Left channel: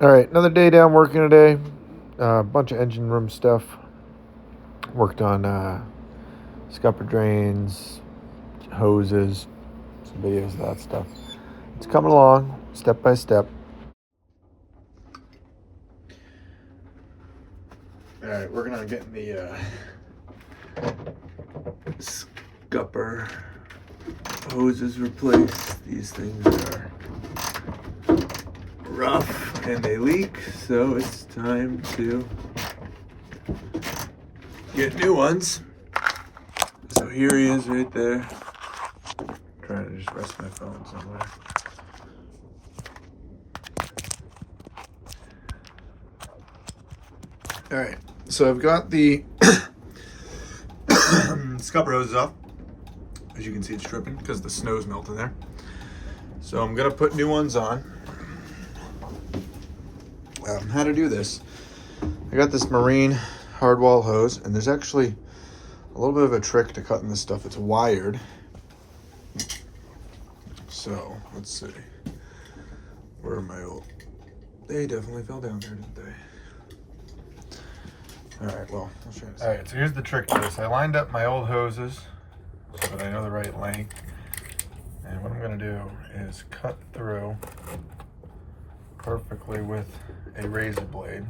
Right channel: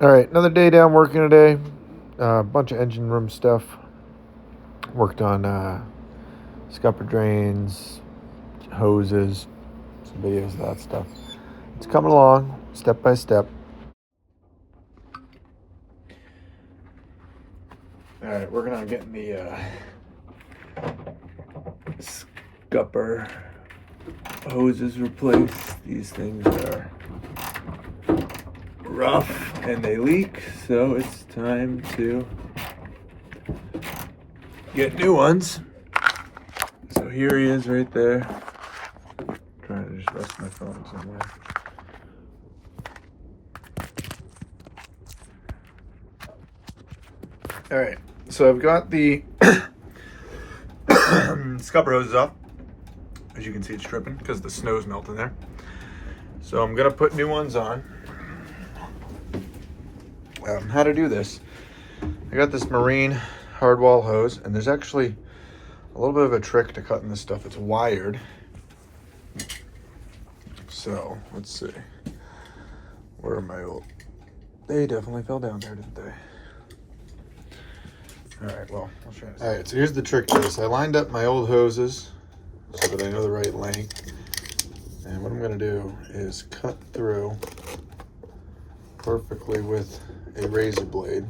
All right, another day down working today. A bunch of engine room stuff. Worked on scupper drains, hoses, some videos of that stuff. It's coming along step by step. All right, working on getting the scupper hoses replaced. These things are rough and they leak, so it's time to get new ones. So here he is right there. I'm trying to just rest my phone somewhere. All right, so I've got the scupper hoses off. As you can see, it's dripping because the snow's melting there. So I'm gonna put new ones on. How to do this? I got this marine hardwall hose, and there's actually a little bit of a trick to cutting this stuff. It's wired. So let's see. Where are my old? They definitely fell down there, didn't they? All right, well, I'll try this. All right, so here's the trick to this. I lined up my old hoses so that I know the right length. And what I'm gonna do is cut through perfectly with a razor blade.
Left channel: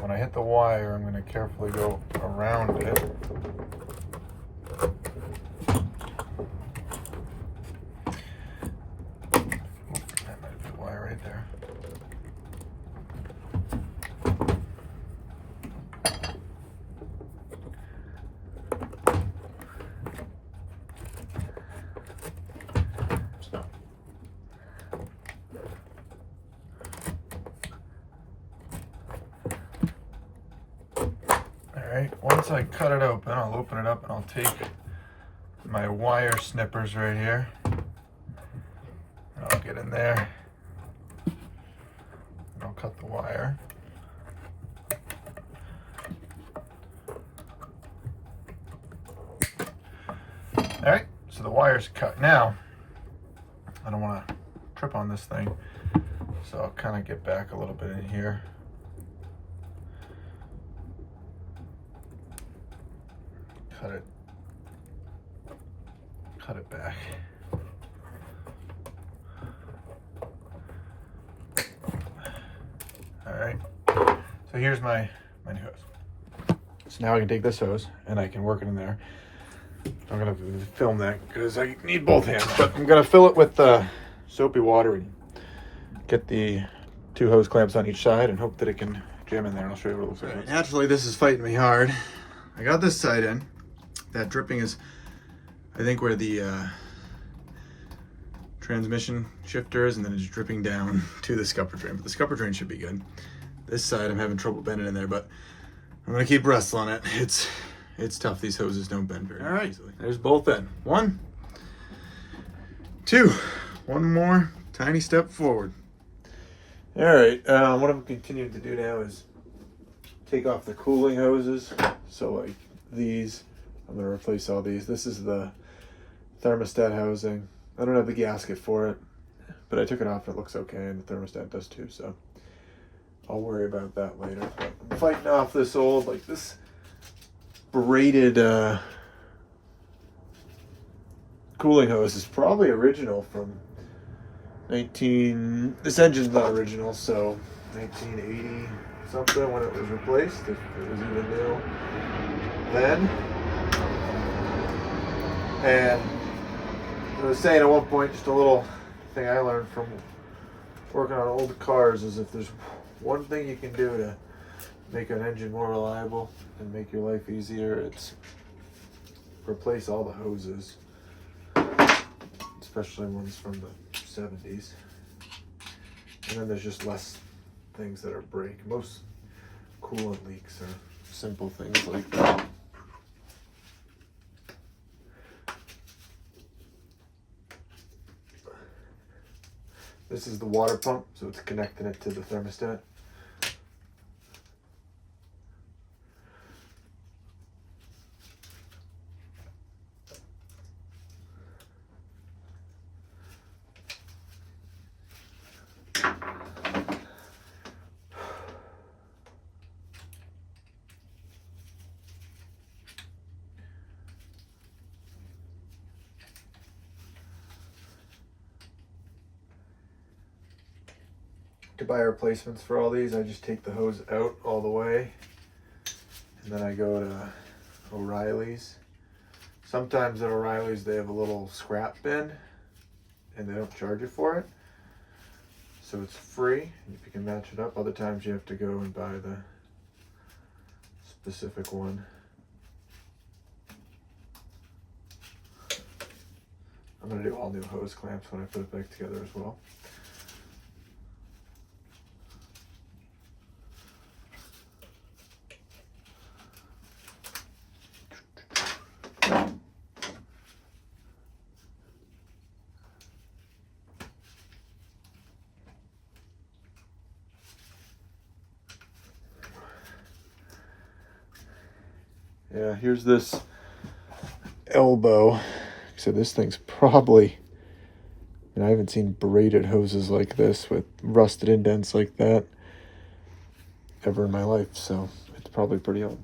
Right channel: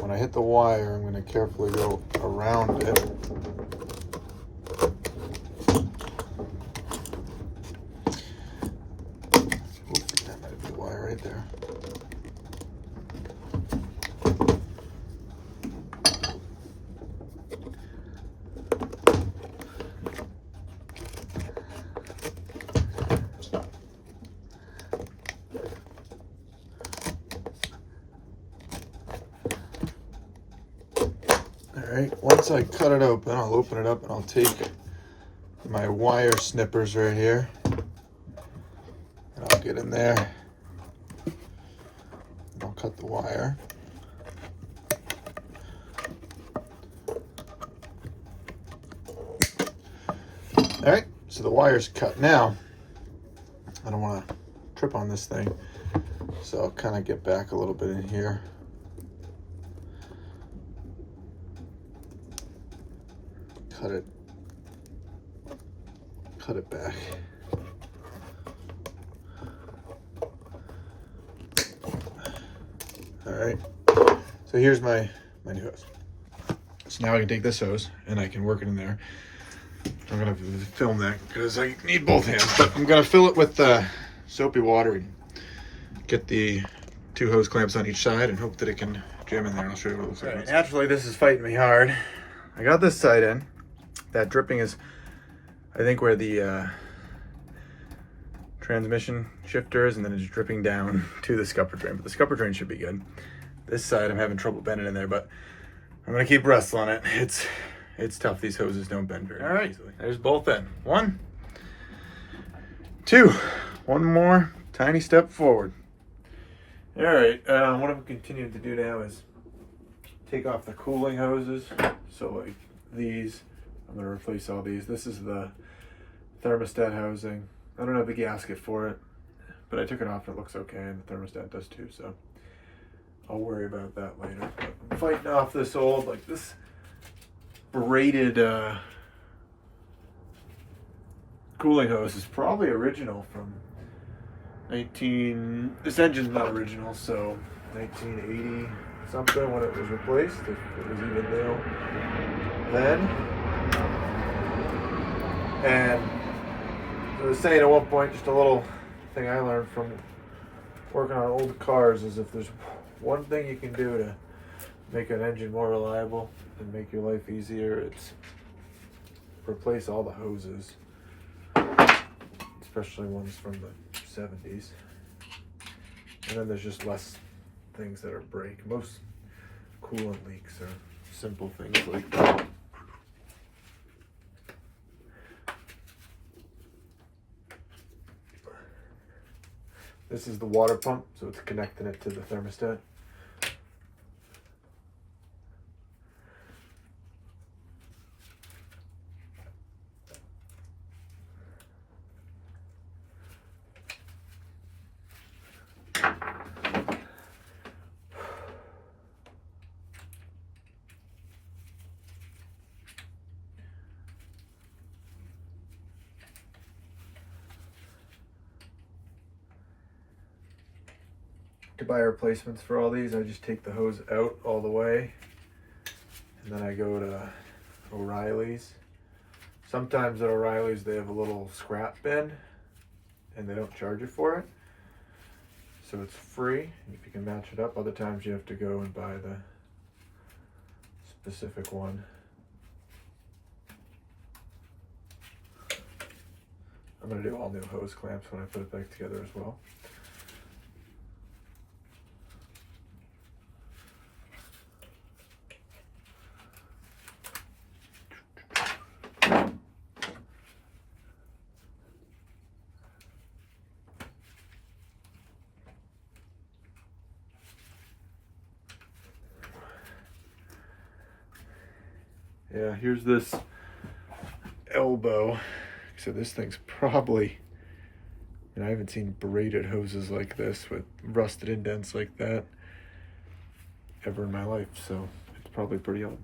When I hit the wire, I'm gonna carefully go around it. Oops, that might be the wire right there. All right, once I cut it open, I'll open it up and I'll take my wire snippers right here. And I'll get in there and I'll cut the wire. All right, so the wire's cut. Now, I don't want to trip on this thing, so I'll kind of get back a little bit in here. Cut it back. All right, so here's my new hose. So now I can take this hose and I can work it in there. I'm gonna film that because I need both hands, but I'm gonna fill it with soapy water and get the 2 hose clamps on each side and hope that it can jam in there. And I'll show you what it looks like. Right, naturally, this is fighting me hard. I got this side in. That dripping is, I think, where the transmission shifter is, and then it's dripping down to the scupper drain. But the scupper drain should be good. This side, I'm having trouble bending in there, but I'm gonna keep wrestling it. It's tough. These hoses don't bend very easily. There's both in. 1, 2. One more tiny step forward. All right, what I'm continuing to do now is take off the cooling hoses. So like these, I'm gonna replace all these. This is the thermostat housing. I don't have the gasket for it, but I took it off. It looks okay, and the thermostat does too, so I'll worry about that later. But I'm fighting off this old, like this braided cooling hose is probably original from this engine's not original, so 1980 something when it was replaced, if it was even new then. And I was saying at one point, just a little thing I learned from working on old cars is if there's one thing you can do to make an engine more reliable and make your life easier, it's replace all the hoses, especially ones from the 70s. And then there's just less things that are break. Most coolant leaks are simple things like this is the water pump, so it's connecting it to the thermostat. to buy replacements for all these, I just take the hose out all the way, and then I go to O'Reilly's. Sometimes at O'Reilly's they have a little scrap bin, and they don't charge you for it, so it's free if you can match it up. Other times you have to go and buy the specific one. I'm going to do all new hose clamps when I put it back together as well. Yeah, here's this elbow. So this thing's probably, and I haven't seen braided hoses like this with rusted indents like that ever in my life, so it's probably pretty old.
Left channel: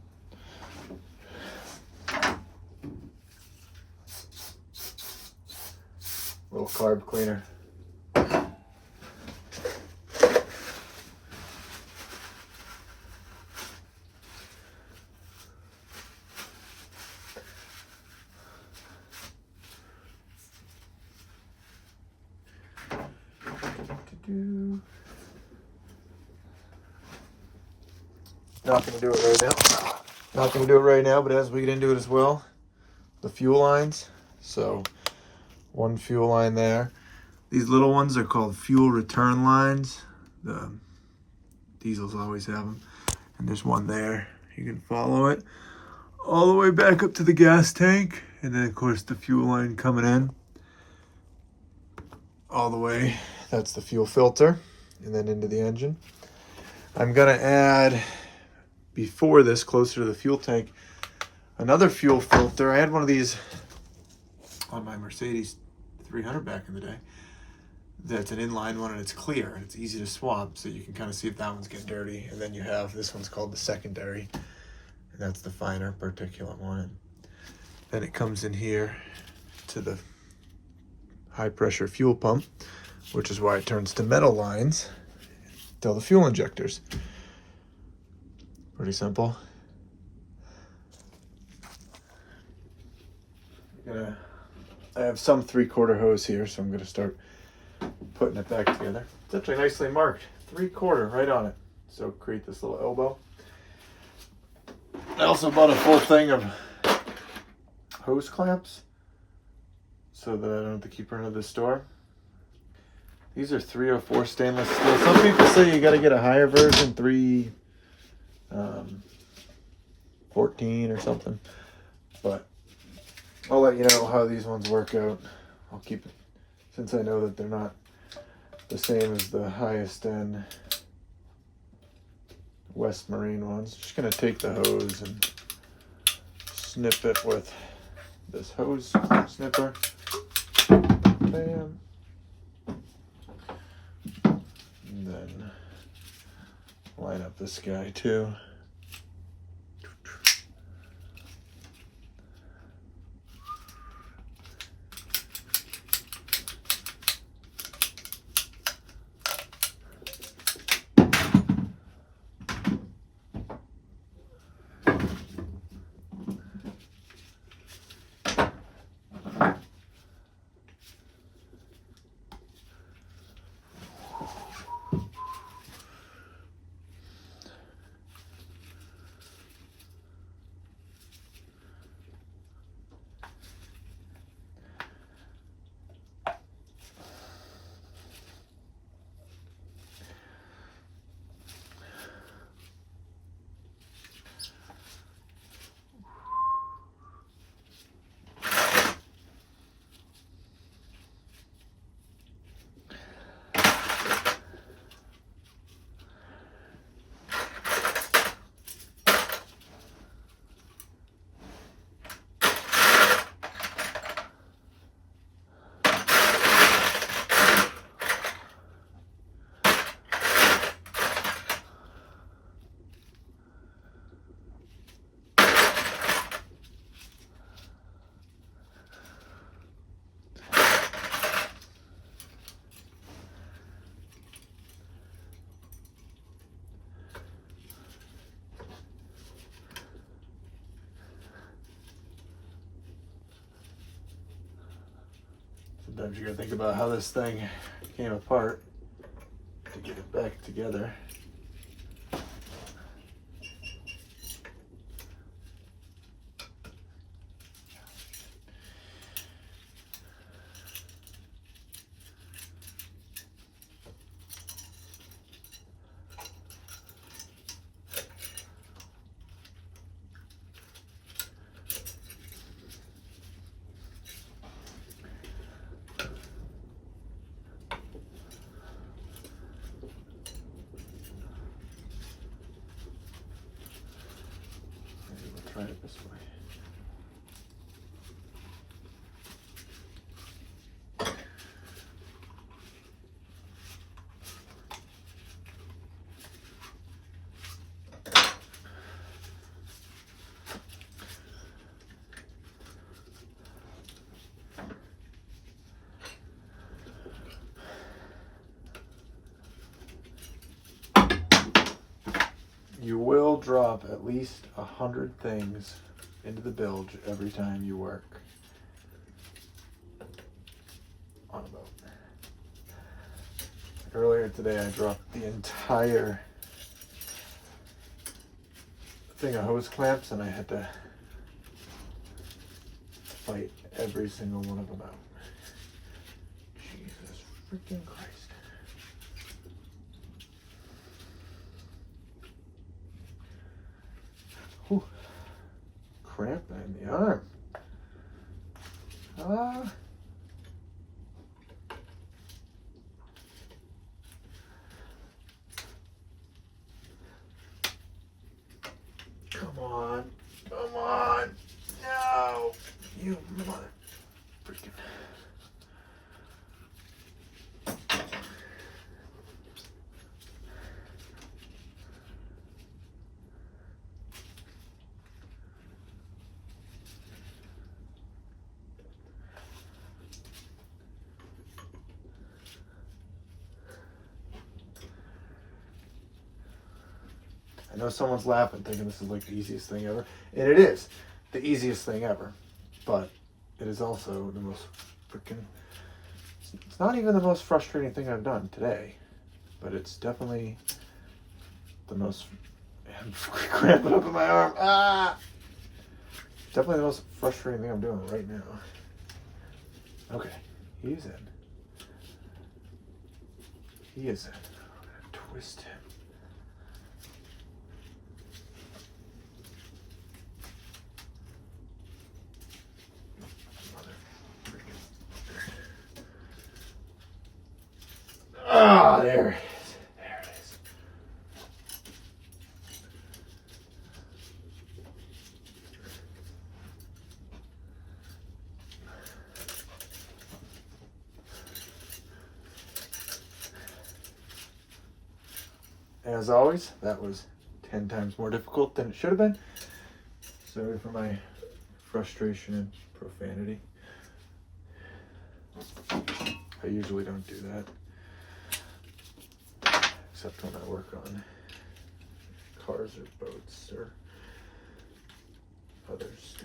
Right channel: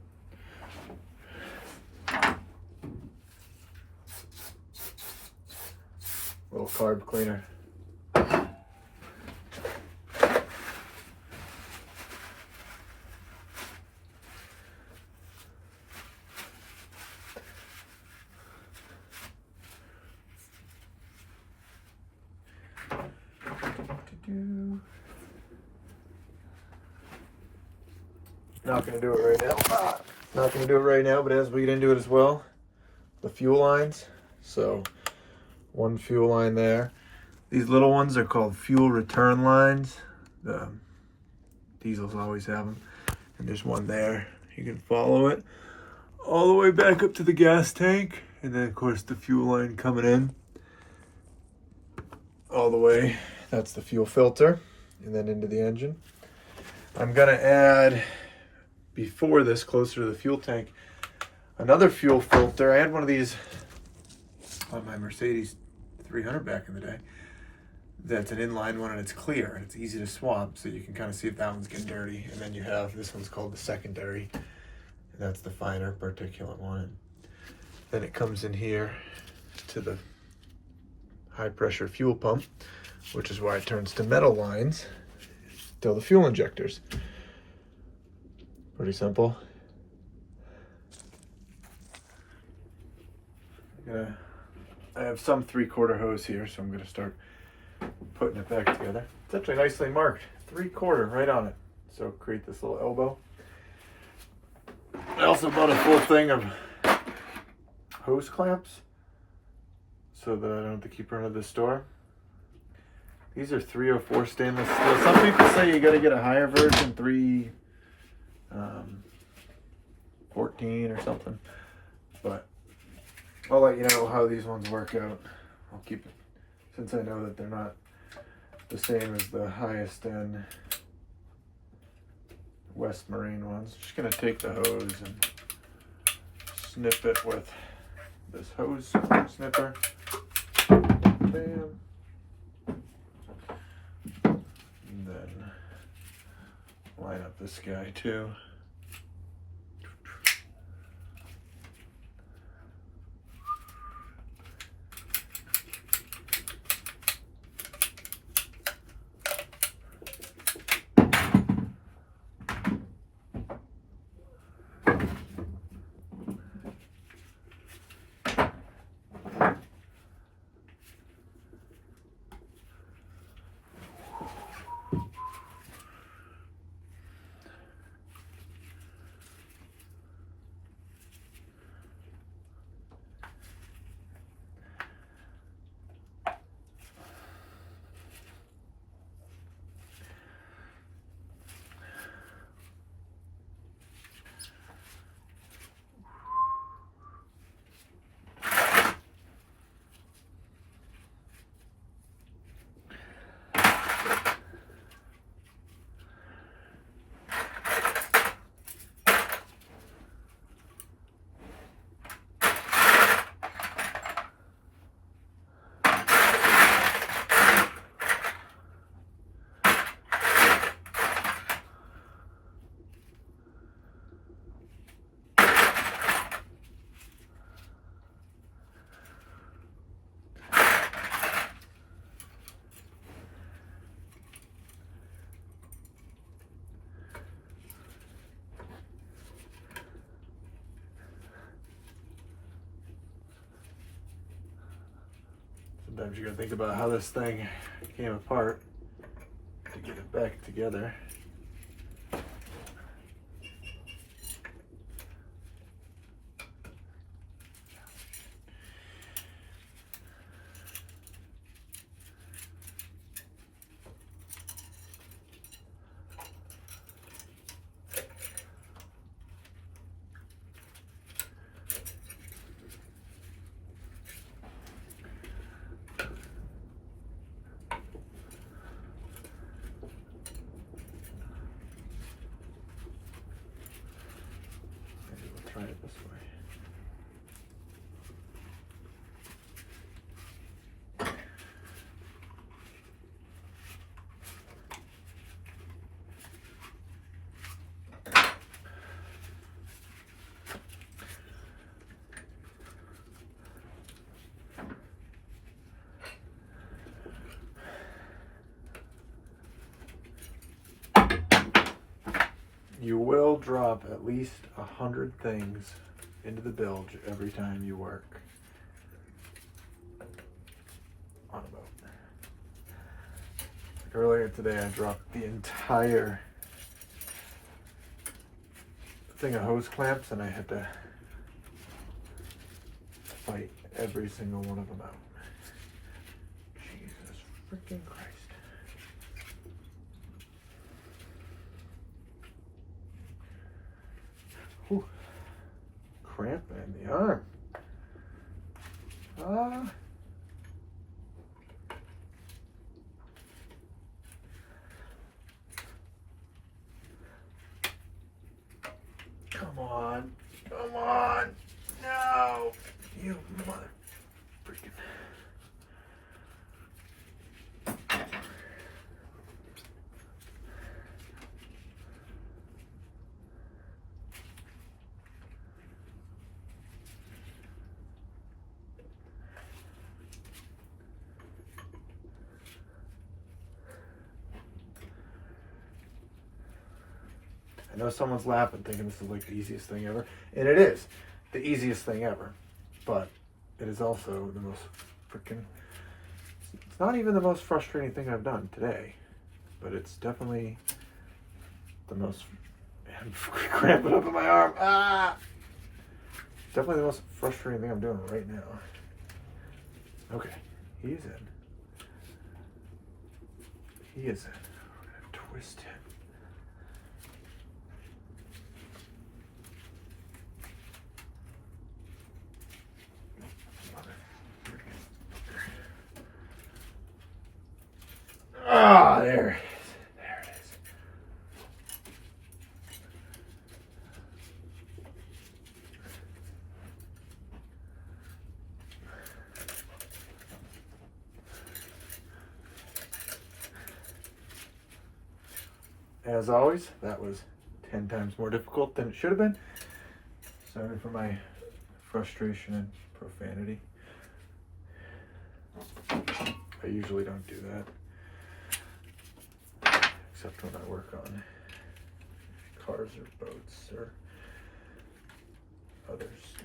Little carb cleaner. Not going to do it right now. Not going to do it right now, but as we get into it as well, the fuel lines. So one fuel line there. These little ones are called fuel return lines. The diesels always have them. And there's one there. You can follow it all the way back up to the gas tank. And then of course the fuel line coming in all the way. That's the fuel filter. And then into the engine. I'm going to add, before this, closer to the fuel tank, another fuel filter. I had one of these on my Mercedes 300 back in the day. That's an inline one and it's clear and it's easy to swap, so you can kind of see if that one's getting dirty. And then you have, this one's called the secondary, and that's the finer particulate one. And then it comes in here to the high pressure fuel pump, which is why it turns to metal lines till the fuel injectors. Pretty simple. I have some 3/4 hose here, so I'm gonna start putting it back together. It's actually nicely marked, 3/4 right on it. So create this little elbow. I also bought a full thing of hose clamps so that I don't have to keep running to the store. These are 304 stainless steel. Some people say you got to get a higher version, 314 or something. But I'll let you know how these ones work out. I'll keep it, since I know that they're not the same as the highest end West Marine ones. Just gonna take the hose and snip it with this hose snipper. Bam. And then line up this guy too. Sometimes you gotta think about how this thing came apart to get it back together. Try it this way. You will drop at least 100 things into the bilge every time you work on a boat. Earlier today, I dropped the entire thing of hose clamps, and I had to fight every single one of them out. Jesus freaking Christ. Whew. Cramp in the arm. Come on. Come on. No. You mother freaking. I know someone's laughing, thinking this is like the easiest thing ever. And it is the easiest thing ever. But it is also the most freaking... It's not even the most frustrating thing I've done today. But it's definitely the most... I'm cramping up in my arm. Ah! Definitely the most frustrating thing I'm doing right now. Okay, he's in. He is in. I'm gonna twist him. Ah, there it is. There it is. As always, that was 10 times more difficult than it should have been. Sorry for my frustration and profanity. I usually don't do that. Except when I work on cars or boats or others.